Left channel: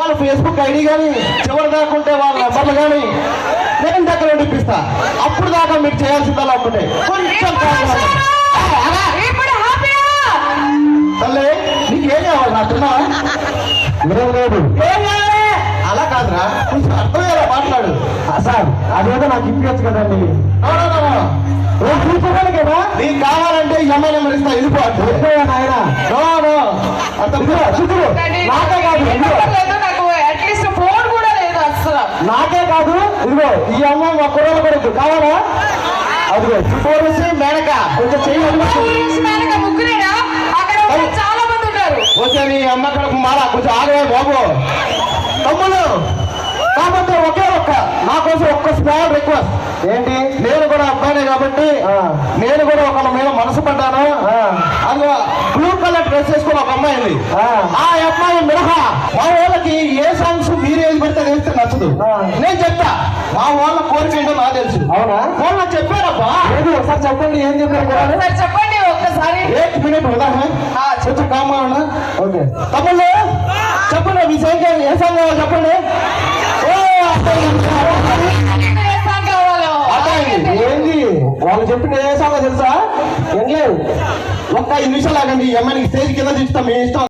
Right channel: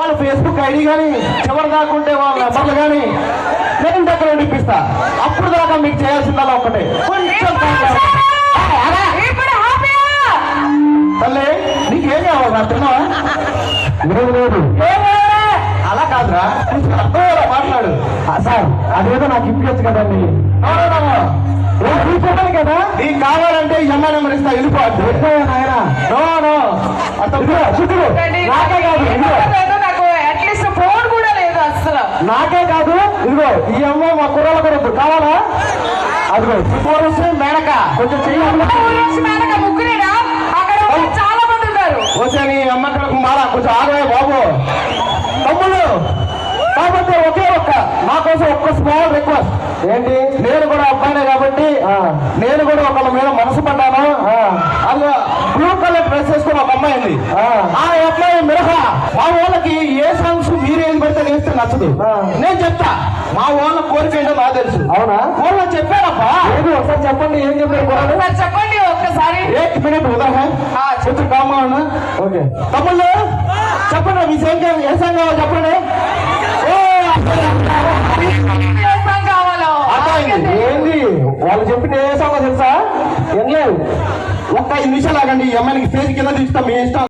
వాళ్ళ Facebook ID కానీ చివరి దాకా ఉంటే వాళ్ళ నెంబర్లు కానీ నేను దగ్గర ఇప్పిస్తా. అప్పుడు దాకా మీకు చేయాల్సిందల్లా ఒకటే, కొంచెం తల్లి నీకేం కావాలి నా తిన్నా లేదు అలా కాదురా, కొంచెం అర్థమయ్యేలా మాట్లాడు. సార్ అదేదో నాకు ఇప్పించచ్చు కదండి. చూసుకోవాలి కదా, నీకు కావాలంటే ఎంఐ నెంబర్ ఇస్తా, వెళ్ళిపోవచ్చు. నాయన నాకే కాదు, ఫోన్ కూడా లేదు అసలు. నాకే కాదు, ఇదిగో ఈ అమ్మాయి మా కుర్రలు కొడుకు కావాలా? అదిగో చుట్టూరేసి మేడక కొంచెం చేయాలి. చాలా మంది ఉన్నారు. వచ్చే నీ అమ్మ కొడుకు మాడ కొంచెం ఆగవే బాబు. తమ్ముళ్ళు కాబట్టి ఒకే ఒక్క నా కోసం ఒక్క స్మాల్ రిక్వెస్ట్ ఏంటి, నేను కూడా అబ్బాయినే కాబట్టి నేను కూడా ఒకళ్ళ మీద మనసు పడ్డాను. అదిగో బ్లూ కలర్ డ్రెస్ వేసుకుని ఒక అమ్మాయి ఉంది. ఆ అమ్మాయి మినహా మా వాళ్ళకి ఏ సాంగ్స్ మీరేం పడితే వేస్తే నచ్చదు. నేను చెప్తా, మా వాళ్ళ కోరిక ఏంటో నాకు తెలుసు. అవునా? వాళ్ళు చెప్పారబ్బా. ఏది ఒకసారి చెప్పండి, ఏం చెప్పారు చెప్పండి ఒక్కసారి. 8 minute ఉదాహరణ కొంచెం కామా. ఓకే తమ్ముళ్ళు చెప్పండి, మీ సాంగ్ ఏ సాంగ్ కావాలి చెప్పండి. ఏంది వాళ్ళు చెప్పిన ఏ సాంగ్ తెలుసా? ఏం లేదు, ఒక్క 5 నిమిషాలు ఆగండి. ఈ అమ్మాయికి స్టేజ్ కింద తీస్తాం, మీ ఇష్టం.